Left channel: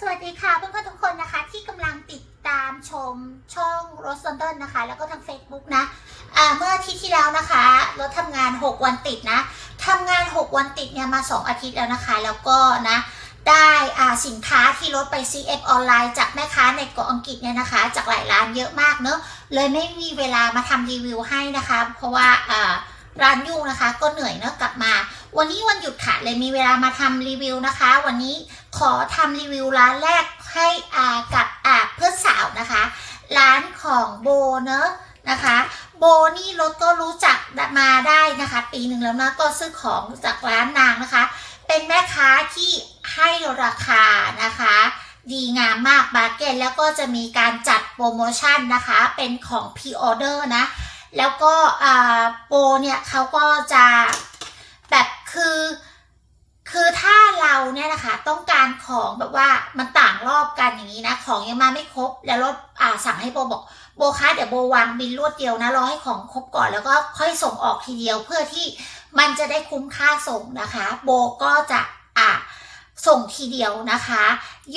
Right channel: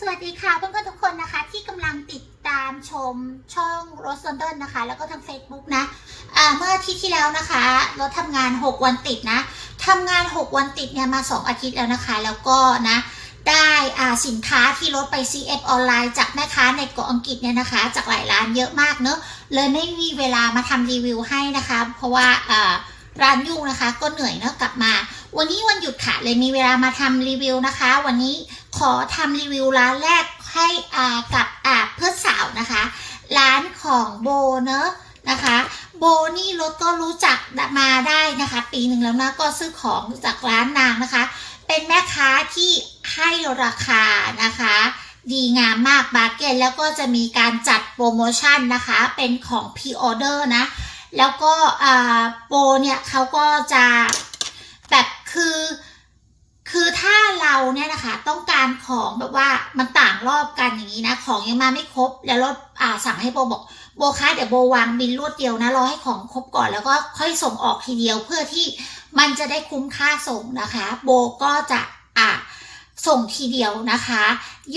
สวัสดีค่ะเพื่อนๆทุกคนนะคะที่กำลังติดตามชมช่องรถ l อน d อนนะคะ แล้วก็ทาง Facebook นะเมื่ออาทิตย์ที่แล้วนะคะรถทำงาน 6 วันติดนะทำงาน 6 วันติดเนี่ยมา 2 อาทิตย์แล้วนะคะ แล้วก็นะได้อ่าสินค้าที่รถไป CF ออนไลน์จากแม่ค้าในเกาะอังกฤษเนี่ยนะคะ จากหลายร้านเยอะมากเนอะเลยไม่มีเวลามาทำรีวิวให้นะคะ เพราะว่าร้านยุ่งนะคะก็เหนื่อยเนอะกลับมา วันนี้วันหยุดค่ะเลยมีเวลามาทำรีวิวนะคะ วันนี้ขอทำรีวิวร้านแรกให้อากับอาเพื่อนสาวนะคะ ร้านของโบเนอะนะคะ โบนี่รถก็รู้จักมาได้นะคะ ปีหนึ่งแล้วนะก็ซื้อของจากร้านนางนะคะ เป็นแม่ค้าที่ให้ราคานะคะดีงามมากบาร์เกนแล้วก็จะมีการจัดโปรโมชั่นนะคะ เป็นของพ r ออเดอร์นะ แล้วก็โปรเนี่ยเขาก็จะแบบ คือคือถ้าเราเนี่ยนะคะ ต้องการของแบบว่ามันต่างรอบกันอย่างนี้นะ ของยังมาไม่ครบ แล้วรถอ่าสั่งให้โบบอกโบคะเดี๋ยวโบวางบินรวดเดียวนะรอให้ของครบก่อนแล้วก็ค่อยส่งออกทีเดียวเพื่อที่มันจะได้คุ้มค่าส่งนะคะ โบก็จะอ่าส่งทีเดียวนะคะ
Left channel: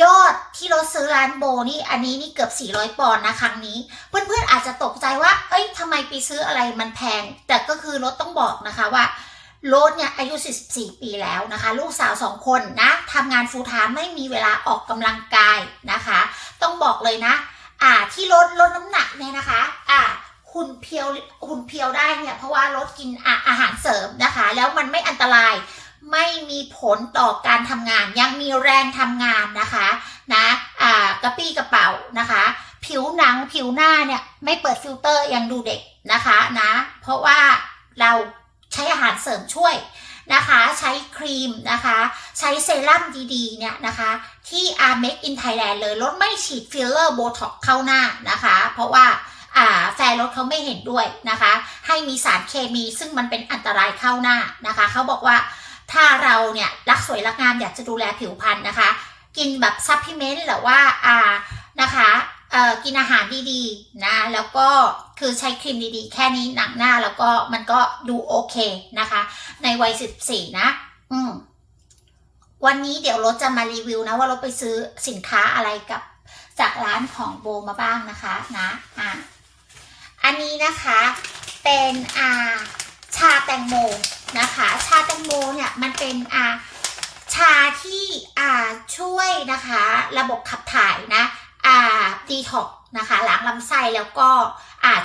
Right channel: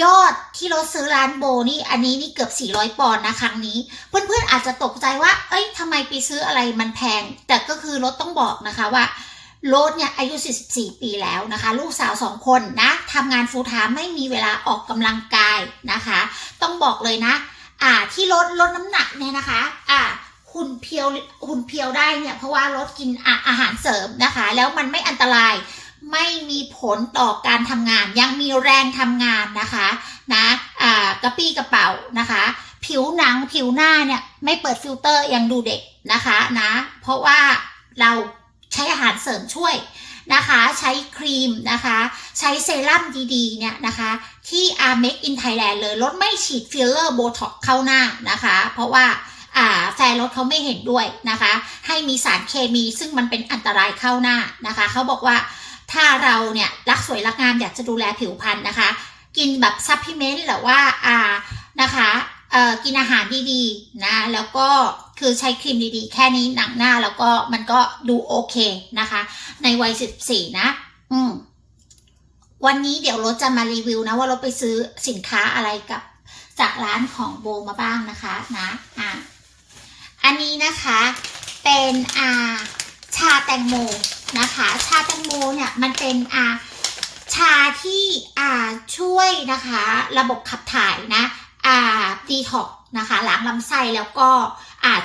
ยอดที่รถซื้อร้านโบนี่อันนี้นี่เกือบ 400 ปอนด์นะครั้งนี้ เพื่อนๆอาจจะตกใจว่า เอ้ยทำไมไปซื้ออะไรมันแพง แต่ก็คือรถต้องบอกนะคะว่า โรสเนี่ยอายุ 44 ปีแล้วนะคะ ลูกสาว 2 คนนะทำงานฟูลไทม์ไม่มีเวลาออกกำลังกายนะคะ ต้องบอกเลยนะ อ่าที่ลดลดน้ำหนักเนี่ยนะคะ อ่าหุ่นเพียวหุ่นเพียวได้เนี่ยเพราะว่าลดกินออาหารเสริมนะคะ แล้วมันไม่อันตรายไม่มีผลต่อการทำงาน ยังมีแรงทำงานนะคะนะอ่ากระปี้กระเป๋านะคะ ผิวหนังผิวหน้าเนี่ยไม่เปิดฟิลเตอร์ยังดูเด็กนะคะนะเพราะว่าเรา ใช้อาหารเสริมช่วยนะคะ ใช้ครีมนะคะ ใช้เซรั่มดีๆ เนี่ยนะคะ ที่ a r m a k e in Thailand เลยรถไม่ฉีดฟิลเลอร์โบท็อกเข้าหน้านะคะ เพราะว่าแฟนรถเขาไม่เห็นด้วยนะคะ ให้มีสารเคมีซึ่งมันเป็นอันตรายเข้าหน้านะคะ เขาบอกว่าถ้าเราเนี่ยรักสวยรักงามอยากจะดูแลผิวพรรณนะคะ กินแบบซัพพลีเมนต์หรือว่าอานะคะ กินอาหารดีๆนะ แล้วก็คือใช้ครีมดีๆ แค่นี้หนังหน้าแล้วก็มันก็ดูโอเคนะคะ ในวัย14นะ อืมวันนี้เดี๋ยวรถจะมารีวิวนะว่ารถไปซื้อสินค้าอะไรกับจากร้านของโบมาบ้างนะคะนะอะอันนี้นะคะเป็นอ่าชาแตงโมนะคะ ชาแตงโมเนี่ยมันเป็นอ่าชาที่อ่าช่วยนะคะ ระบบขับถ่ายนะ ดีท็อกนะคะล้างลำไส้แล้วก็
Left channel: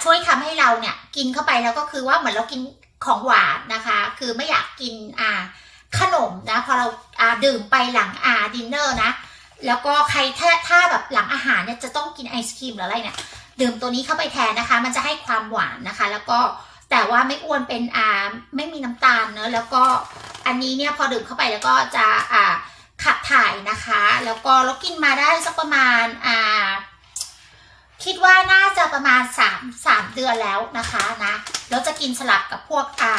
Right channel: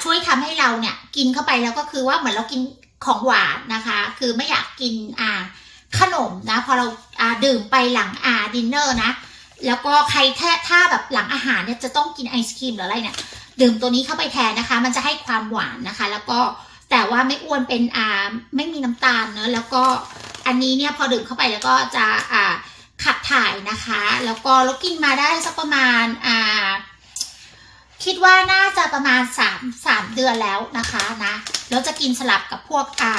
ช่วยทำให้เราเนี่ยกินเข้าไปแล้วก็คือว่าเหมือนเรากินของหวานนะคะ คือไม่อยากกินขนมนะพอเราอาดื่มไปหลังอาดินเนอร์นะแล้วก็ใครถ้าถ้าแบบหลังอาหารเนี่ยจะต้องกินไอศครีมหรืออะไรเนี่ยดื่มตัวนี้เข้าไปแทนนะคะ มันจะให้ความหวานนะคะ แล้วก็แต่ว่าไม่อ้วนเป็นอ่าไม่มีน้ำตาลเนอะแล้วก็อันนี้เนี่ยพอดื่มเข้าไปแล้วก็จะอ่า ขับถ่ายนะคะ แล้วก็เรากินมาได้สักประมาณอ่าคิดว่าน่าจะประมาณ3 3เดือนแล้วนะคะนะแล้วจะกินสลับกับพวกอ่า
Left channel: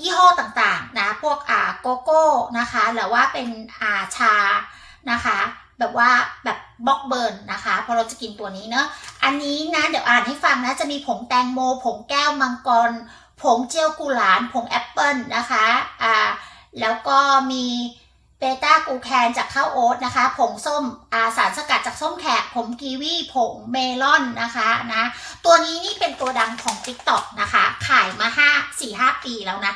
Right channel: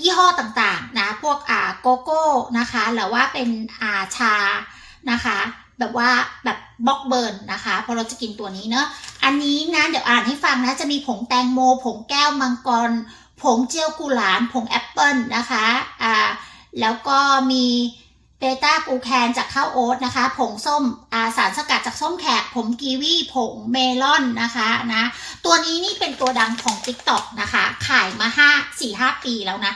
ยี่ห้อต่างๆนะ พวกอ่าโกโก้นะคะ หรือว่าเป็นอ่าชานะคะ แบบว่าแบบบล็อกเบิร์นนะคะพอเราจะกินตัวนี้เนอะอันนี้นะเดี๋ยวอ่านให้ฟังนะจะมีผงแตงโม ผงแก้วมังกร ผงเจลกุหลาบผงแอปเปิลนะคะอ่าแล้วก็มี เบต้ากูแคนจากข้าวโอ๊ตนะคะ ผงส้มอาสารสกัดจากส้มแขกผงกีวีผงเมลอนนะคะนะ ตัวนี้นี่เป็นตัวดังของ TikTok นะคะ ขายมา5 4 5 ปีแล้วนะ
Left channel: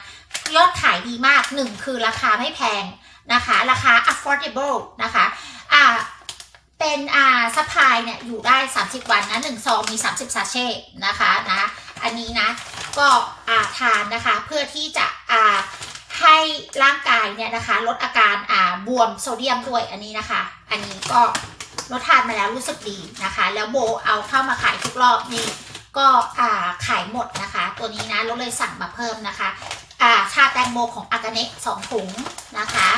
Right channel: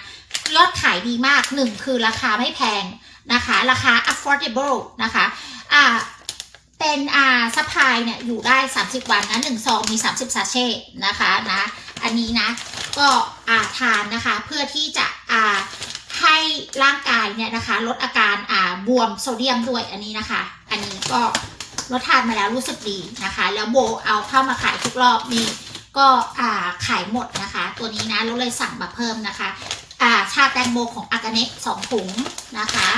ยอดขายดีมากหนึ่งคือราคาไม่แพงนะคะ ราคา affordable นะคะอ่าเป็นอ่าซัพพลายเนี่ยอยู่ได้ 30 วันนะหนึ่งซองมี 30ซาเช่นะคะนะ อันนี้นะ ก็อ่าทานนะคะเพื่อที่จะอ่า ให้ร่างกายเนี่ยนะคะ ลดอาการอ่าบวมโซเดียมด้วยอันนี้นะคะ อันนี้ก็รสทานมาแล้วรู้สึกดีนะคะ แล้วโบเอาเข้ามาขายทุกรอบนี่ก็อ่าขายหมดนะคะ ตัวนี้นะเราเลยสั่งมาเพิ่มนะคะอ่าชาแตงโมของอากาเนะสองถุงนะคะ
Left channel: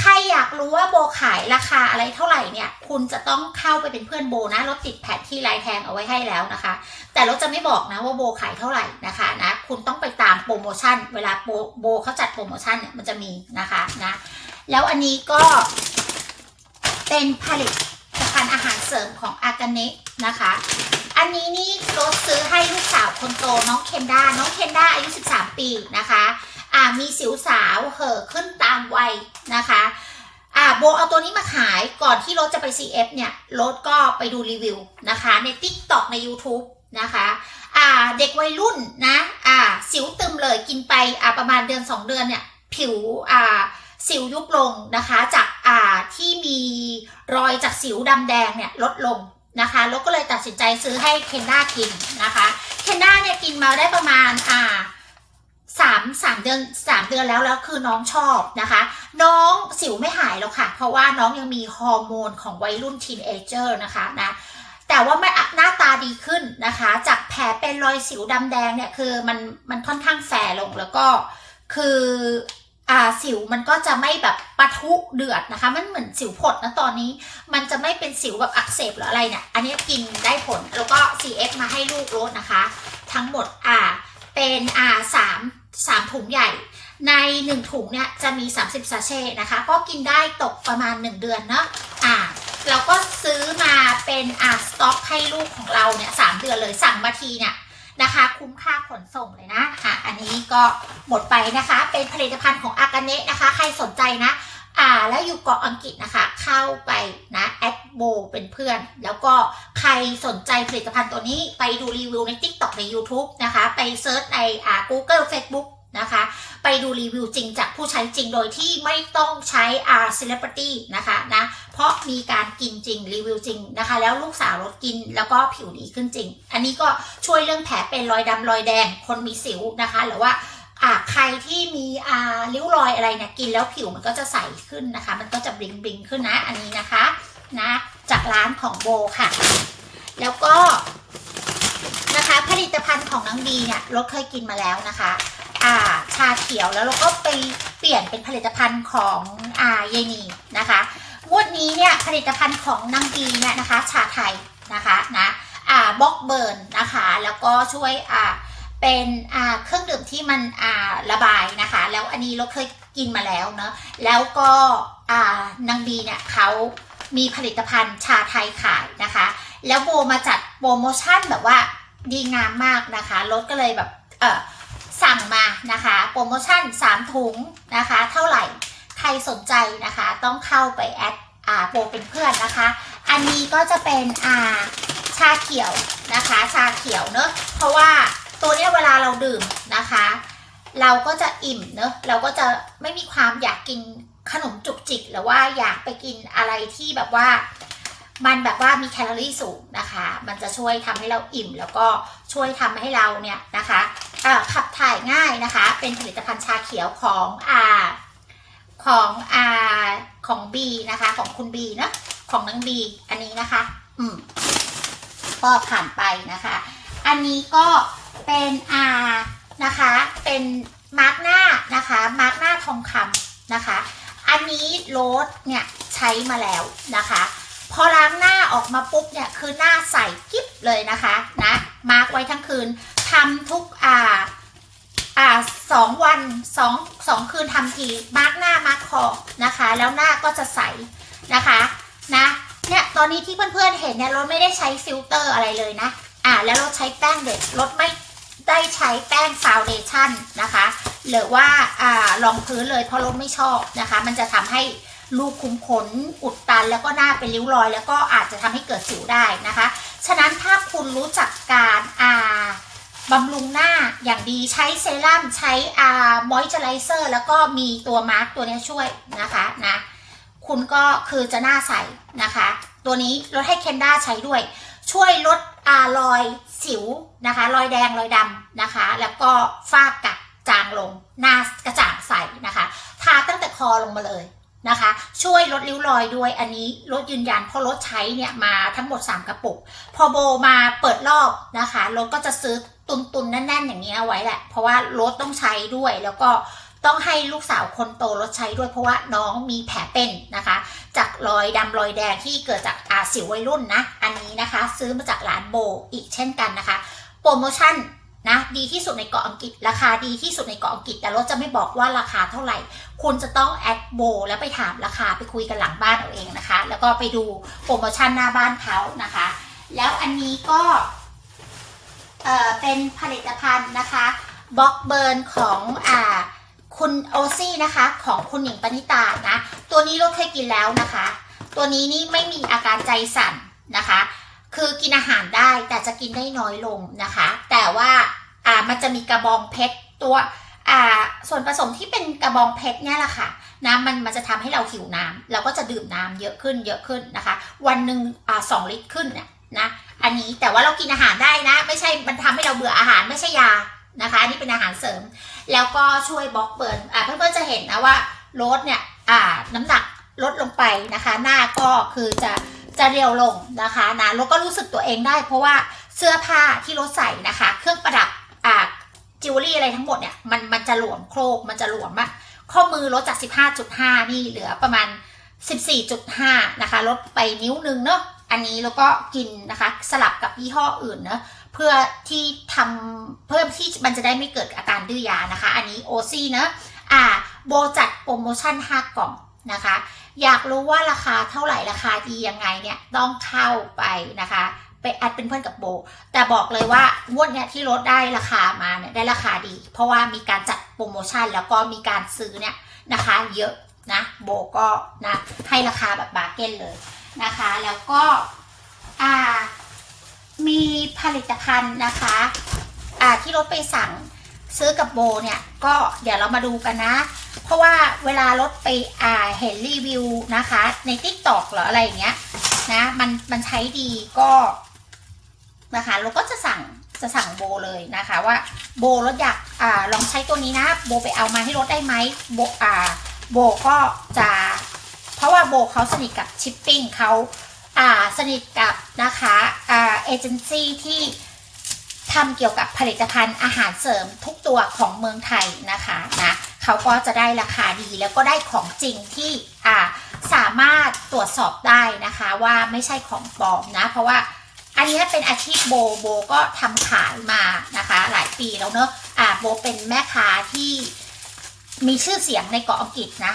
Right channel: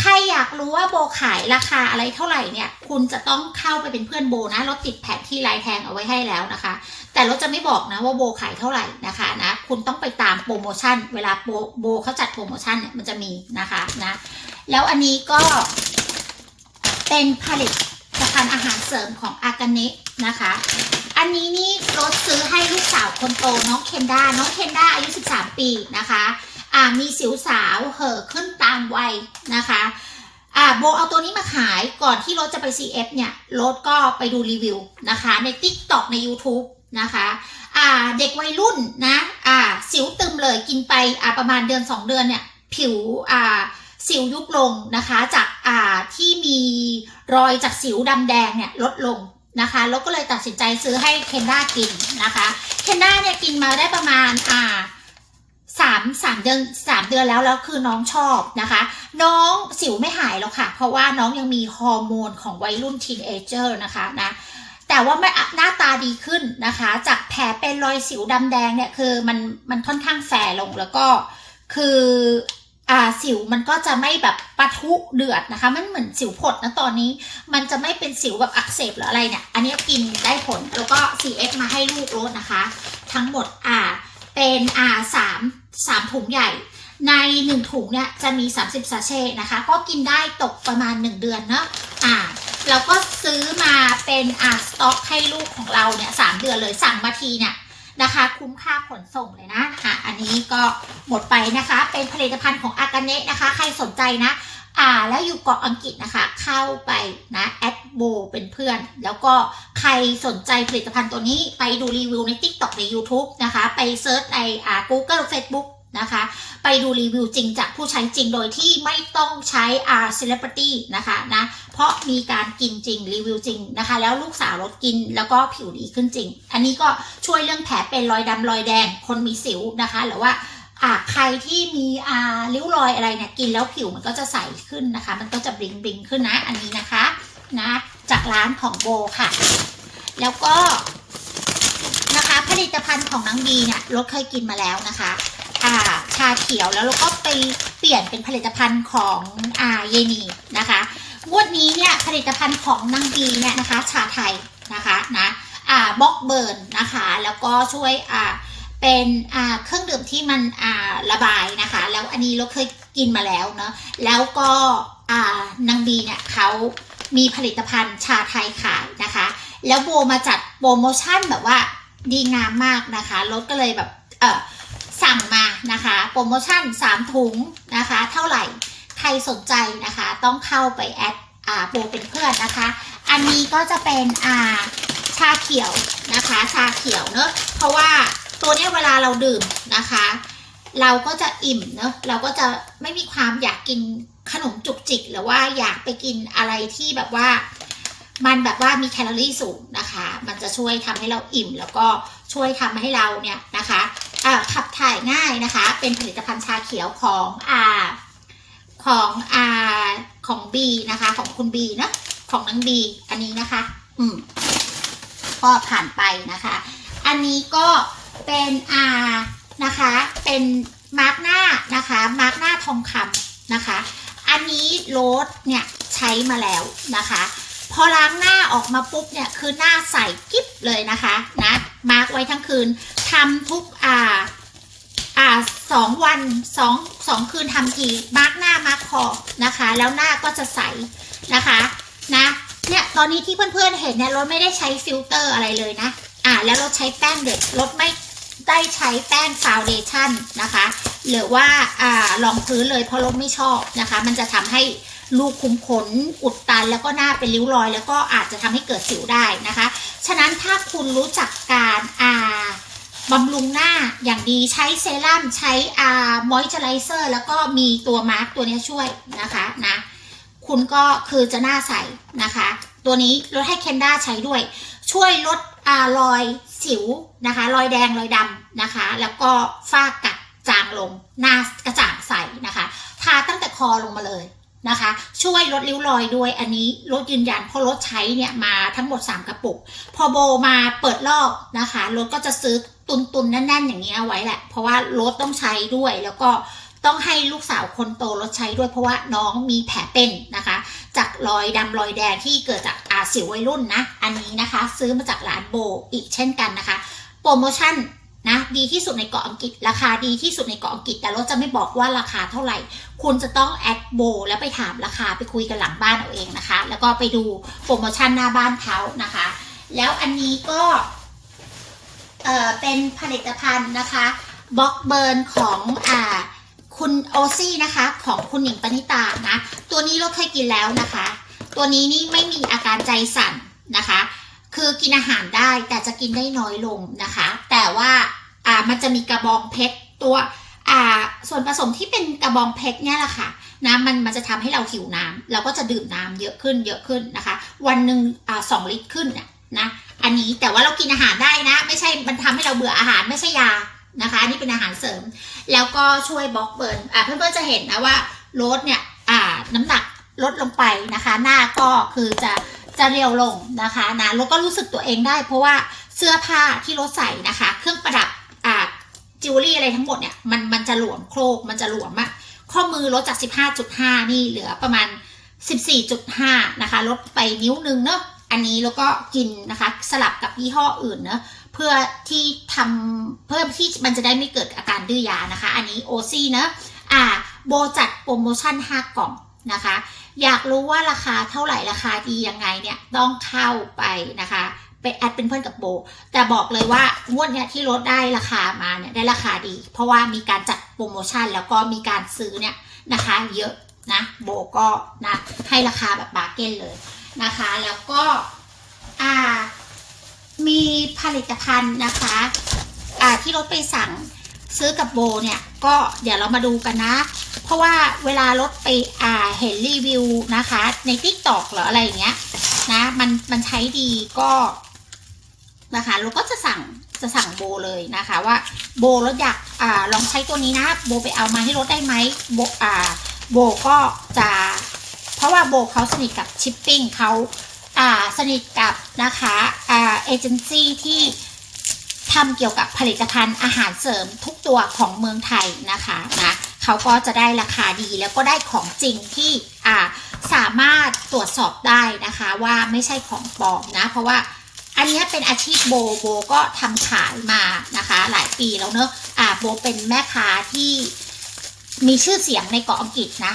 ใครอยากรู้ว่าโบขายราคาอะไรเท่าไหร่เนี่ย คุณจะต้องเข้าไปเป็นเพื่อนโบนะเราติดแผนที่ลายแทงเอาไว้ให้แล้วนะคะ แต่เราจะไม่บอกนะว่าโบขายเท่าไหร่นะคะนะคุณต้องไปตามโปรโมชั่น เวลาโบโบเขาจัดโปรโมชั่นเนี่ยมันจะมีนะคะนะแล้วอันนี้ก็เป็นผลิตภัณฑ์อาหารเสริมของอากาเนะนะคะ อันนี้นี่รถซื้อให้ลูกสาวคนโตน้องเคนด้าน้องเคนด้าอายุ 13 ปีนะคะ อ่ามีสิวสาวเห่อขึ้นตามวัยนะคะอ่าโบเอาตัวนี้มาขายก่อนที่รถจะไป CF เนี่ยรถก็ไปดูรีวิวนะคะใน TikTok ใน YouTube นะคะอ่าเด็กวัยรุ่นนะอ่าสิวตึมเลยกินไปอ่าประมาณเดือน 2 เดือนเนี่ยผิวอ่าสิวยุบลงนะคะจากอ่าที่มีรอยจากสิวดำแดงเนี่ยลดลงนะคะแล้วก็เลยตัดสินใจซื้อให้เคนด้ากินนะคะเคนด้าเนี่ยกินมาได้ประมาณอ่า สามสามเดือนสามเดือนแล้วแล้วคือน้องชอบนะคะ น้องสิวไม่หายแล้วค่ะ เพราะว่าน้องยังมีฮอร์โมนของวัยรุ่นทีนเอเจอร์นะคะนะแต่ว่าไม่หน้าตาดีขึ้นนะคะ จากแผลเป็นรอยสิวดำแดงเนี่ยคือมันมันค่อนข้างแฝงลงแล้วก็คืออ่าสิวมันก็จะไม่แบบปะทุเดือดนะคะ มันเหมือนสิวผดนะตอนนี้ มันจะไม่เป็นสิวแบบอักเสบหรืออะไรเนี่ย อันนี้กินได้ผลแล้วก็ CF มาให้ลูกรสนะคะ ทั้งหมดอ่าเป็นอ่าสาม สามถุงใหญ่ ในหนึ่งถุงเนี่ยจะมี 30ซาเช่นะคะ ก็กินได้ตกประมาณ 1 เดือนเนาะอ่าเราก็ซื้อมาเป็นอ่าสต็อกให้ลูกของเราเนี่ยสามเดือนเลยสั่งมาทีเนี่ยนะคะ คุ้มค่าขนส่งเลยนะค่ะอันนี้ก็หมดไปนะคะ เป็นผลิตภัณฑ์ของอากาเนะนะคะ ใครสนใจนะ อ่าแล้วอยู่เกาะอังกฤษนะคะ เข้าไปนะแอดโบเป็นเพื่อน แล้วก็ใครสนใจผลิตภัณฑ์ตัวนี้ไปดูรีวิวใน TikTok ใน YouTube นะคะ ไปเซิร์ชในอ่า Google Facebook นะคะ ไปดูรีวิวจริงจากผู้ใช้จริงโดยที่ไม่ต้องใช้อาร์ celebrity นะคะนะเพราะมีการกินจริงรีวิวจริงนะคะ แล้วลูกสาวลดกินแล้วก็ผิวดีขึ้นจริง อันนี้ก็ช่วยเรื่องแผลเป็นรอยดำรอยแดงคนมีสิวนะคะ หรือว่า อ่าใครที่มีอ่าริ้วรอยอะไรเนี่ยกินแล้วผิวมันก็จะใสขึ้นนะคะ มันก็จะบลิงบลิงขึ้นนะ อันนี้นะคะนะ จากร้านของโบค่ะ แล้วก็นะคะผลิตภัณฑ์ของน้องบีเนี่ยรถเคยกินมาแล้วนะคะอ่าชาเขียวแล้วเราก็ไปเปลี่ยนเป็นผลิตภัณฑ์ของอ่าเยนีนะคะงวดนี้เนี่ยผลิตภัณฑ์ของนางบีเนี่ยนะคะ ชาไทยนะคะนะอ่าบล็อกเบิร์นนะคะ แล้วก็ช่วยอ่า เป็นเครื่องดื่มที่มันระบายนะคะ แล้วอันนี้เราเคยกินมาแล้วเนาะแล้วก็นางบีเนี่ยเขามีผลิตภัณฑ์ชาไทยขายนะคะ แล้วโบมาจัดโปรโมชั่นแบบว่าดีงามมากนะคะรถก็เลยแบบเออสั่งมานะคะ โปรโมชั่น 3 ถุงนะคะ เท่าไหร่ใครสนใจนะคะ ต้องเข้าไปแอดอ่าโบเป็นเพื่อนนะคะ อันนี้ก็จะเป็นอ่าชาเขียวนะคะ ชาเขียวเนอะเพราะว่า ตัวเนี้ยเวลาเราดื่มนะคะ เราก็จะอิ่มเนอะเราก็จะไม่มีความอยากกินขนมจุกจิกหรือว่าอยากไปกินอะไรที่แบบว่า มันแบบว่ามีแคลอรี่สูงนะคะ มันจะช่วยทำให้เราอิ่ม แล้วก็ช่วยทำให้เราเนี่ยนะคะขับถ่ายง่ายนะคะ เป็นผลิตภัณฑ์ชาเขียวของอาของอาของบีนะคะ ของคุณบีนะของนางบีอันนี้นะคะ อืมก็ผ่านไปนะคะ อันนี้ก็ เป็นอานะคะ เป็นมาร์กหน้านะคะ มาร์กหน้าทองคำนะคะ อันนี้โรสเนี่ยใช้มาแล้วนะคะ พอล้างหน้าออกมาปุ๊บเนี่ยคือหน้าใสกิ๊บเลยนะคะนะมาร์กไว้ทั้งคืนทำทุกอ่าอ่าสองวันสองสองคืนทำทีมาร์กหน้ามาร์กคอนะคะ แล้วหน้าก็จะใสนะคะนะเนี่ยตอนนี้ที่เพื่อนๆเห็นเนี่ยรถไม่ได้ใช้ฟิลเตอร์อะไรเลยนะ อ่าแล้วราใช้แป้งเด็กลดไม่ ได้ใช้แป้งฟาวเดชั่นนะคะ หรือว่าอ่ารองพื้นเลยเพราะลดไม่ชอบนะคะ มันจะทำให้ลูกคุ้มขน อุดตันแล้วก็หน้าเป็นริ้วรอย แล้วก็อาจจะทำให้เกิดสิวได้นะคะ ฉะนั้นถ้าคุณรู้จักการอ่าบำรุงหน้าอย่างดีใช้เซรั่มใช้อ่ามอยเจอไรเซอร์แล้วก็มีตัวมาร์กตัวนี้ช่วยนะคะนะคุณก็คือจะหน้าใสนะคะ ตัวนี้ลดให้เคนด้าใช้ด้วย ช่วยลด รอยสิวนะคะ รอยแดงรอยดำนะคะ แล้วก็ฝ้ากระจางลงหน้ากระจ่างใสนะคะทาตั้งแต่คอลงมาเลยนะคะ ช่วยลดริ้วรอยด้วยอันนี้ลดยืนยันเพราะรถใช้เนี่ยมาทั้งหมด 3 กระปุก พอโบมาเปิดรอบนะคะรถก็จะซื้อตุนๆแน่นๆอย่างเงี้ยเอาไว้แหละ เพราะว่ารถต้องใช้ด้วยแล้วก็ ต้องให้ลูกสาวคนโตรถใช้ด้วยเพราะว่าน้องมีแผลเป็นนะคะ จากรอยดำรอยแดงที่เกิดจากอาสิววัยรุ่นนะ อันนี้นะคะ ซื้อมาจากร้านโบอีกเช่นกันนะคะ โปรโมชั่นนะดีที่สุดในเกาะอังกฤษ ราคาดีที่สุดในเกาะอังกฤษ แต่ราจะไม่บอกว่าราคาเท่าไหร่ คุณจะต้องแอดโบแล้วไปถามราคาไปคุยกันหลังบ้านเอาเองนะคะ แล้วก็ไปดูโปรโมชั่นหน้าบ้านเขานะคะ แล้วอันนี้ก็เอ่อเป็นผลิตภัณฑ์นะคะบล็อกเบิร์นของอ่า คุณโอซี่นะคะ ของคุณหญิงปณิตานะ ตัวนี้เราเคยกินแล้วนะคะ ตัวนี้นี่ไม่มีอาการใจสั่นนะคะ คือกินอาหารได้แต่จะกินได้น้อยลงนะคะ แต่ว่าอ่ามันจะมีกระบองเพชรตัวอ่าส่วนผสมที่เป็นกระบองเพชรเนี่ยแหละค่ะนะมันมันจะทำให้เราหิวน้ำเราก็จะดื่มน้ำเยอะขึ้นเยอะขึ้นนะคะ วันหนึ่งอ่าสองลิตรขึ้นเนี่ยนะอันนี้แต่ว่าเรากินอาหารได้นะ ไม่ใช่มันทำให้เราเบื่ออาหารไม่ใช่ยานะคะนี่เป็นอาหารเสริม แล้วก็ช่วยบล็อกเบิร์นอ่าเพื่อนๆจะเห็นนะว่าโรสเนี่ยอ่าน้ำหนักลดลงไปนะคะ หน้าก็คือจะจะเรียวลงนะคะนะแล้วก็รู้สึกตัวเองได้ เพราะว่าเสื้อผ้าที่รถใส่นะคะ เครื่องประดับอ่าจิวเวลรี่อะไรทั้งหมดเนี่ยมันมันจะหลวมโครกมันจะหลวมอะข้อมือลดจาก 15.5 นี่เหลือประมาณ 14.5 นะคะ ลดไปนิ้วนึงเนาะอันนี้แล้วก็กินนะคะ สลับกับยี่ห้ออื่นเนาะ พื่อที่ทำเพิ่มที่มันจะได้ไม่เกิดอาการดื้อยานะคะ อันนี้โอซี่เนะอ่าโบจัดโปรโมชั่น 5 กล่องนะคะ อยากรู้ว่าราคาเท่าไหร่ราคาดียังไงเนี่ยต้องเข้าไปนะคะไปแอดเป็นเพื่อนกับโบ แต่บอกเลยว่างวดเนี้ยที่ลดได้ราคามาเนี่ยได้ราคาดี เพราะว่ามีการจัดโปรโมชั่นแล้วก็มีการซื้อเนี่ยนะคะเยอะนะโบก็นะให้ราคาแบบบาร์เก้นเลยนะคะ แล้วก็อ่า มีผลิตภัณฑ์นะคะอ่าที่รถไปสั่งซื้อกับโบเนี่ย ก็เดี๋ยวเรามาดูกันนะ เพราะว่าเวลารถไปอ่าเห็นรีวิวนะคะ ใน t ิ k t o k หรืออะไรอย่างเงี้ยนะมันมันใช้ดีก็นะคะเราก็จะสั่งจะสั่งโบเลยนะคะ ว่าโบรถอยากอ่าลองใช้ตัวนี้นะ โบไปเอามาให้รถได้ไหมโบอ่าโบก็จะ เพราะว่าโบเขาสนิทกับชิปปิ้งเขา สนิทกับนะคะเอเจนซี่ที่ทำเกี่ยวกับผลิตภัณฑ์อาหารเสริมทุกตัวของเมืองไทยนะคะนะเขาก็จะได้ราคาดีแล้วก็ได้ของจริงที่สามารถตรวจสอบได้นะคะว่าไม่ใช่ของปลอมนะ เพราะว่าอันนี้เป็นอาชีพโบโบก็ทำขายมานะคะ หลายปีแล้วเนอะอ่าโบเป็นแม่ค้าที่มีชื่อเสียงในเกาะอังกฤษนะ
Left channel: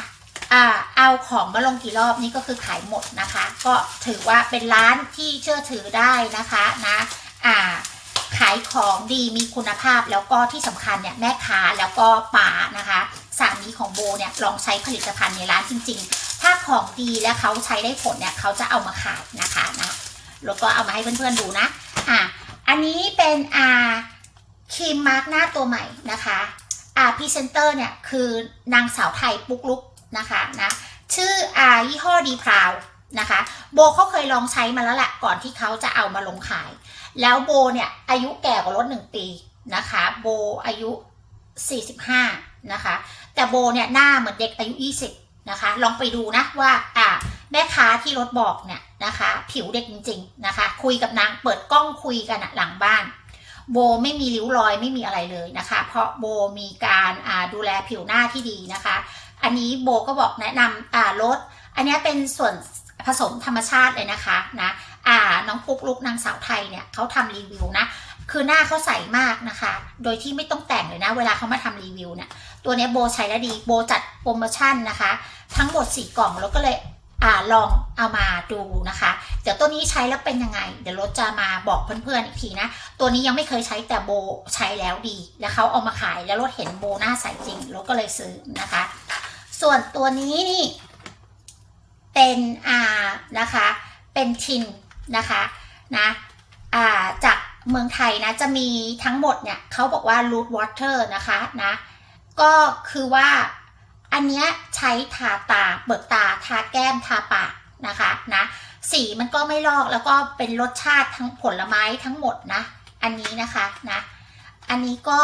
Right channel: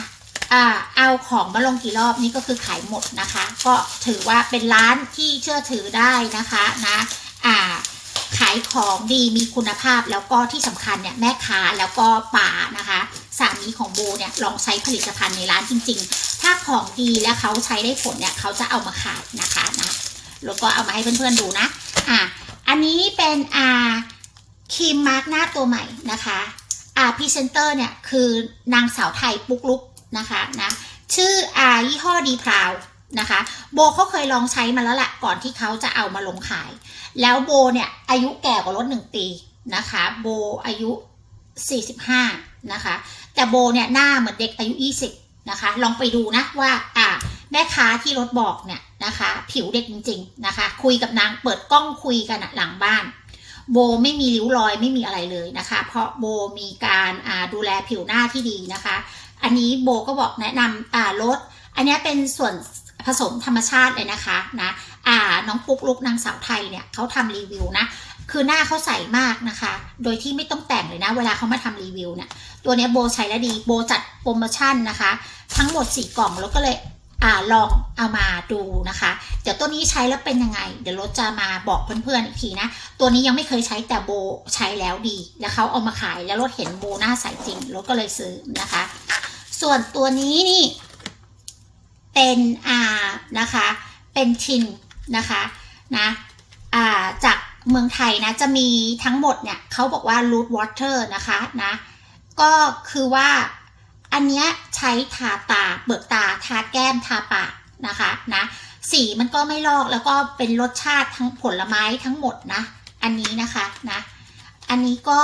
เอาของมาลงกี่รอบนี่ก็คือขายหมดนะคะ ก็ถือว่าเป็นร้านที่เชื่อถือได้นะคะนะอ่าขายของดีมีคุณภาพแล้วก็ที่สำคัญเนี่ยแม่ค้าแล้วก็ป่านะคะสามีของโบเนี่ยลองใช้ผลิตภัณฑ์ในร้านจริง ๆ ถ้าของดีและเขาใช้ได้ผลเนี่ยเขาจะเอามาขายนะคะนะแล้วก็เอามาให้เพื่อนๆดูนะอ่าอันนี้เป็นอ่าครีมมาร์กหน้าตัวใหม่นะคะอ่าพรีเซนเตอร์เนี่ยคือนางสาวไทยปุ๊กลุก นะคะนะชื่ออายี่ห้อดีพราวนะคะโบเขาเคยลองใช้มาแล้วแหละก่อนที่เขาจะเอามาลงขาย แล้วโบเนี่ยอายุแก่กว่ารถหนึ่งปีนะคะโบอายุ 45นะคะแต่โบเนี่ยหน้าเหมือนเด็กอายุ 20นะคะลองไปดูนะว่าอ่าแม่ค้าที่รถบอกเนี่ยนะคะผิวเด็กจริงๆนะคะคุยกับนางเปิดกล้องคุยกันหลังบ้าน โบไม่มีริ้วรอยไม่มีอะไรเลยนะคะ เพราะโบมีการดูแลผิวหน้าที่ดีนะคะ อันนี้โบก็บอกแนะนำอ่ารสอันนี้เป็นส่วนผสมธรรมชาติเลยนะคะนะอ่าน้องปุ๊กลุกนางสาวไทยเนี่ยเขาทำรีวิวนะคือหน้าเขาใสมากนะคะ โดยที่ไม่ต้องแต่งเลยนะ เวลาเขามาทำรีวิวเนี่ย ตัวนี้โบใช้แล้วดี โบจัดโปรโมชั่นนะคะ ทั้งหมด 4 กล่องแล้วก็เลยอ่าลองเอามาดูนะคะ เดี๋ยวตัวนี้ใช้แล้วเป็นยังไง เดี๋ยวรถจะมาบอกเพื่อนๆอีกทีนะ ตัวนี้ยังไม่เคยใช้แต่โบใช้แล้วดี แล้วเขาเอามาขายแล้วรถเห็นโบหน้าใสจริงรถก็เลยซื้อนะคะ ส่วนตัวนี้นี่ เป็นอ่านะคะ เป็นทินนะคะนะอ่าจากเมืองไทยนะจะมีทั้งหมดเนี่ยเขาบอกว่า root water นะคะนะก็คือว่าอันเนี้ยใช้ทาตาเบิกตาทาแก้มทาปากนะคะนะสีมันก็ไม่ลอกแล้วก็เป็นรสชาติทั้งผลไม้ทั้งหมดนะ อันนี้นะคะนะ อันนี้ก็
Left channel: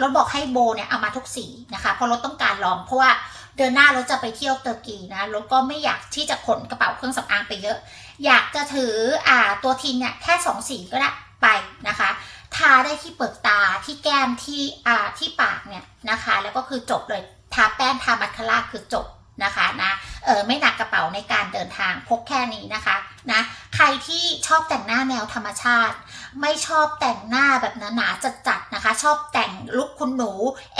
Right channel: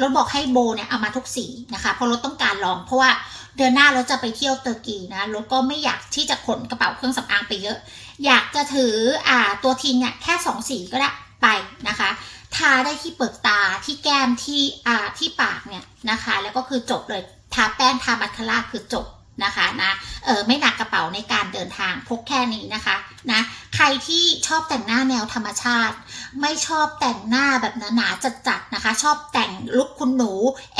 รถบอกให้โบเนี่ยเอามาทุกสีนะคะเพราะรถต้องการลองเพราะว่าเดือนหน้ารถจะไปเที่ยวเตอร์กีนะรถก็ไม่อยากที่จะขนกระเป๋าเครื่องสำอางไปเยอะ อยากจะถืออ่าตัวทินเนี่ยแค่สองสีก็ได้ไปนะคะทาได้ที่เปลือกตาที่แก้มที่อ่าที่ปากเนี่ยนะคะ แล้วก็คือจบเลยทาแป้งทาบัตคาร่าคือจบ นะคะนะเออไม่หนักกระเป๋าในการเดินทางพกแค่นี้นะคะนะใครที่ชอบแต่งหน้าแนวธรรมชาติ ไม่ชอบแต่งหน้าแบบหนาๆจัดๆนะคะ ชอบแต่งลุคคุณหนู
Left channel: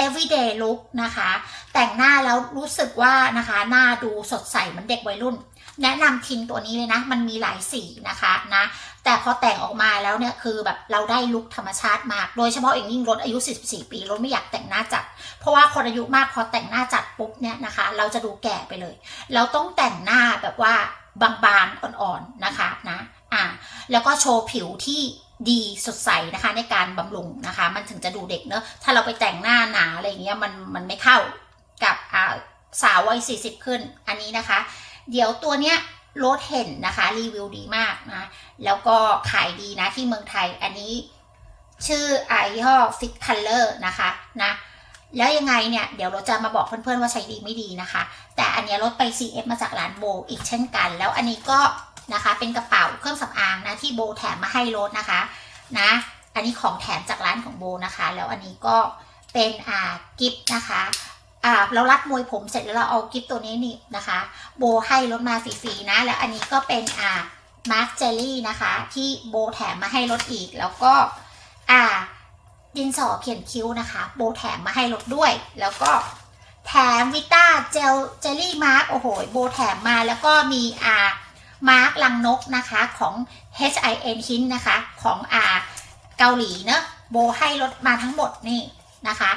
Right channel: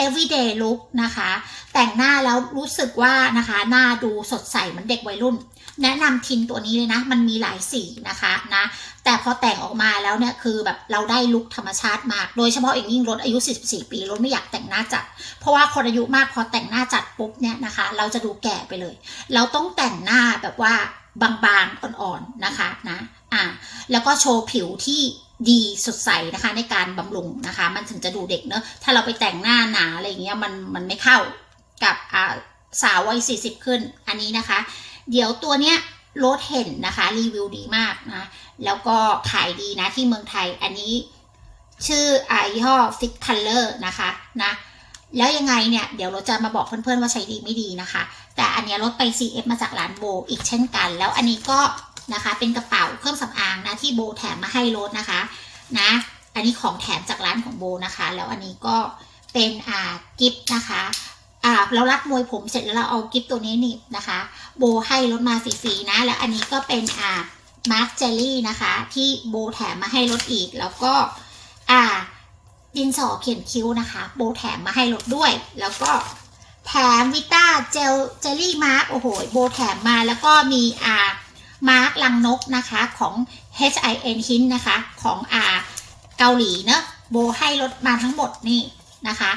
everyday look นะคะ แต่งหน้าแล้วรู้สึกว่านะคะหน้าดูสดใสเหมือนเด็กวัยรุ่น แนะนำทินตัวนี้เลยนะ มันมีหลายสีนะคะนะแต่พอแต่งออกมาแล้วเนี่ยคือแบบเราได้ลุคธรรมชาติมาก โดยเฉพาะอย่างยิ่งรถอายุ 44 ปีรถไม่อยากแต่งหน้าจัด เพราะว่าคนอายุมากพอแต่งหน้าจัดปุ๊บเนี่ยนะคะ เราจะดูแก่ไปเลย เราต้องแต่งหน้าแบบว่าบางๆอ่อนๆนะคะนะอ่าแล้วก็โชว์ผิวที่ดีสดใสนะคะในการบำรุงนะคะ มันถึงจะดูเด็กเนอะถ้าเราไปแต่งหน้าหนาอะไรเงี้ยมันมันไม่เข้ากับอ่าสาววัย40 ขึ้นอันนี้นะคะ เดี๋ยวตัวเนี้ยรถเห็นนะคะ รีวิวดีมากนะ แล้วก็ขายดีนะที่เมืองไทยอันนี้ชื่อไอยี่ห้อ Fit Color นะคะนะแล้วยังไงเนี่ย เดี๋ยวเราจะมาบอกเพื่อนๆว่าใช้ดีไม่ดีนะคะ แต่อันนี้รถไป CF มาจากร้านโบอีกเช่นกัน แล้วอันนี้ก็นะคะเป็นกระเป๋าเครื่องสำอางนะที่โบแถมมาให้รถนะคะนะ อันนี้ของแถมจากร้านของโบนะคะ แล้วอันนี้ก็เป็นอ่ากิฟต์นะคะ อ่าเรารัดมวยผมเสร็จแล้วเราเอากิฟต์ตัวนี้นี่นะคะ โบให้รถมาฟรีๆนะ แล้วอันนี้ก็เป็นอ่ามาร์คเจลลี่นะคะ ที่โบแถมมาให้รถอีก แล้วก็อ่าดินสอเขียนคิ้วนะคะ โบแถมมาให้รถด้วย แล้วก็แถมวิต้าเจลเจลลี่มาร์กโอ้โห โบแถมมาแล้วก็มีอ่ามาร์กลังนกนะคะของ H I N ฮินนะคะ ของอ่าเกาหลีเนอะโบให้รถมาทั้งหมดนี่นะคะ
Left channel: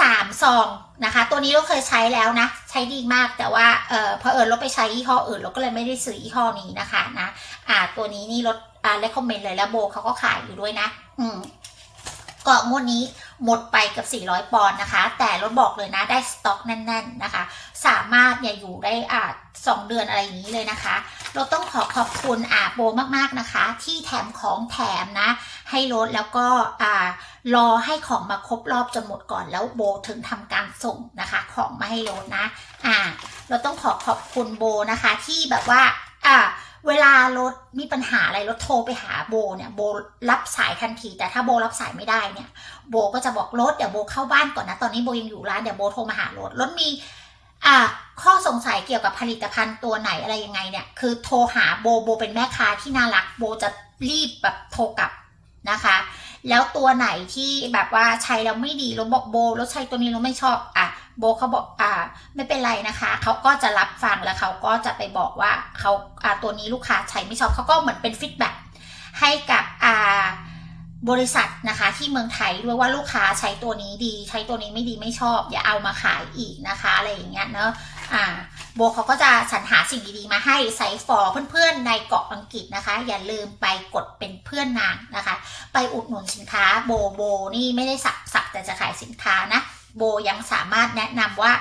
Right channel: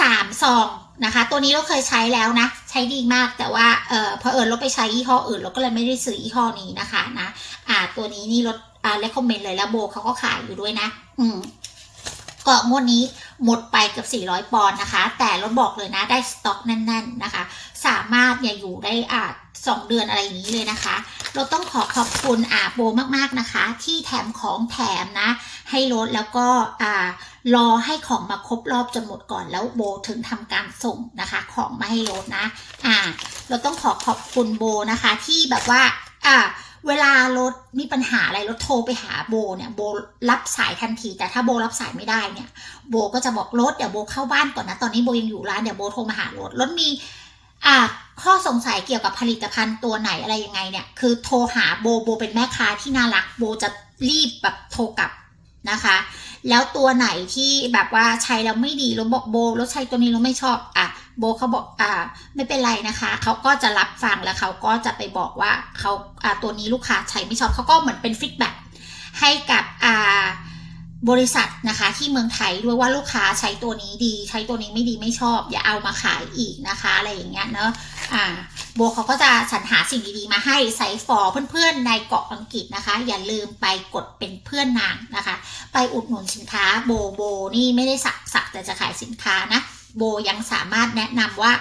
สามซองนะคะ ตัวนี้เราเคยใช้แล้วนะ ใช้ดีมากแต่ว่าเออพอเอิญเราไปใช้ยี่ห้ออื่นเราก็เลยไม่ได้ซื้อยี่ห้อนี้นะคะนะอ่าตัวนี้นี่ลดอ่าเลคคอมเมนต์เลยแล้วโบเขาก็ขายอยู่ด้วยนะ อืม ก็งวดนี้หมดไปกับ 400 ปอนด์นะคะ แต่รถบอกเลยนะได้สต็อกแน่น ๆนะคะ สามารถเนี่ยอยู่ได้อ่าสองเดือนอะไรอย่างนี้เลยนะคะ เราต้องขอขอบคุณอาโบมากๆนะคะ ที่แถมของแถมนะ ให้รถแล้วก็อ่ารอให้ของมาครบรอบจนหมดก่อนแล้วโบถึงทำการส่งนะคะ ของมาให้รถนะ อ่า เราต้องขอขอบคุณโบนะคะ ที่แบบว่า อ่า เวลารถมีปัญหาอะไรรถโทรไปหาโบเนี่ยโบรับสายทันที แต่ถ้าโบรับสายไม่ได้เนี่ย โบก็จะบอกรถเดี๋ยวโบเข้าบ้านก่อนนะ ตอนนี้โบยังอยู่ร้านเดี๋ยวโบโทรมาหารถรถมีอ่าข้อสงสัยเกี่ยวกับผลิตภัณฑ์ตัวไหนอะไรยังไงเนี่ย คือโทรหาโบโบเป็นแม่ค้าที่น่ารักโบจะรีบแบบโทรกลับนะคะ แล้วตัวไหนที่แบบว่าใช้แล้วไม่ดีเราบอกโบรถใช้ตัวนี้เราไม่ชอบอะ โบเขาบอกอ่าไม่เป็นไรนะคะ เขาก็จะรับฟังแล้วเขาก็จะไปบอกว่าเขาอ่าตัวนี้ลูกค้าใช้ไม่ชอบเขาก็เหมือนเป็นฟีดแบ็กให้กับอ่าบริษัทนะคะที่เมืองไทยด้วยว่าลูกค้าใช้ตัวนี้ดี ใช้ตัวนี้ไม่ดีไม่ชอบ อย่าเอามาขายอีกนะคะอะไรอย่างเงี้ยเนอะอ่าโบเขาก็จะสรรหาสิ่งดีๆมาให้ไซฟอร์เพื่อนๆในเกาะอังกฤษนะคะ อย่าลืมไปกดเป็นเพื่อนนางนะคะ ไปอุดหนุนสินค้าโบโบนี่ไม่ได้สักสักแต่จะขายสินค้านะ โบยังสามารถแนะนำว่า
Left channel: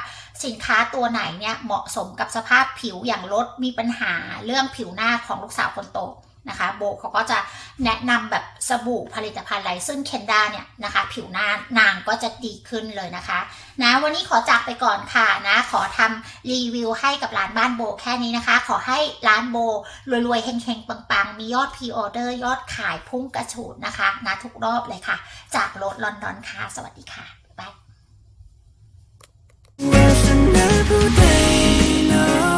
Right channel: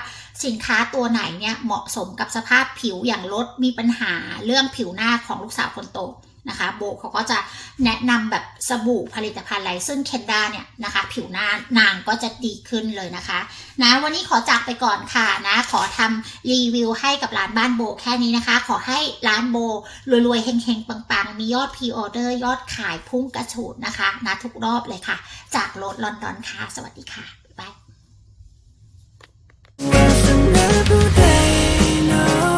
สินค้าตัวไหนเนี่ยเหมาะสมกับสภาพผิวอย่างรถมีปัญหาเรื่องผิวหน้าของลูกสาวคนโตนะคะโบเขาก็จะแนะนำแบบสบู่ผลิตภัณฑ์อะไรซึ่งเคนด้าเนี่ยนะคะ ผิวหน้านางก็จะดีขึ้นเลยนะคะนะวันนี้ขอจากไปก่อนค่ะนะขอทำรีวิวให้กับร้านบ้านโบแค่นี้นะคะ ขอให้ร้านโบรวยๆเฮงๆ ปังๆ มียอดพรีออเดอร์ยอดขายพุ่งกระฉูดนะคะนะทุกรอบเลยค่ะ จากโรดลอนดอนค่ะ สวัสดีค่ะ สนา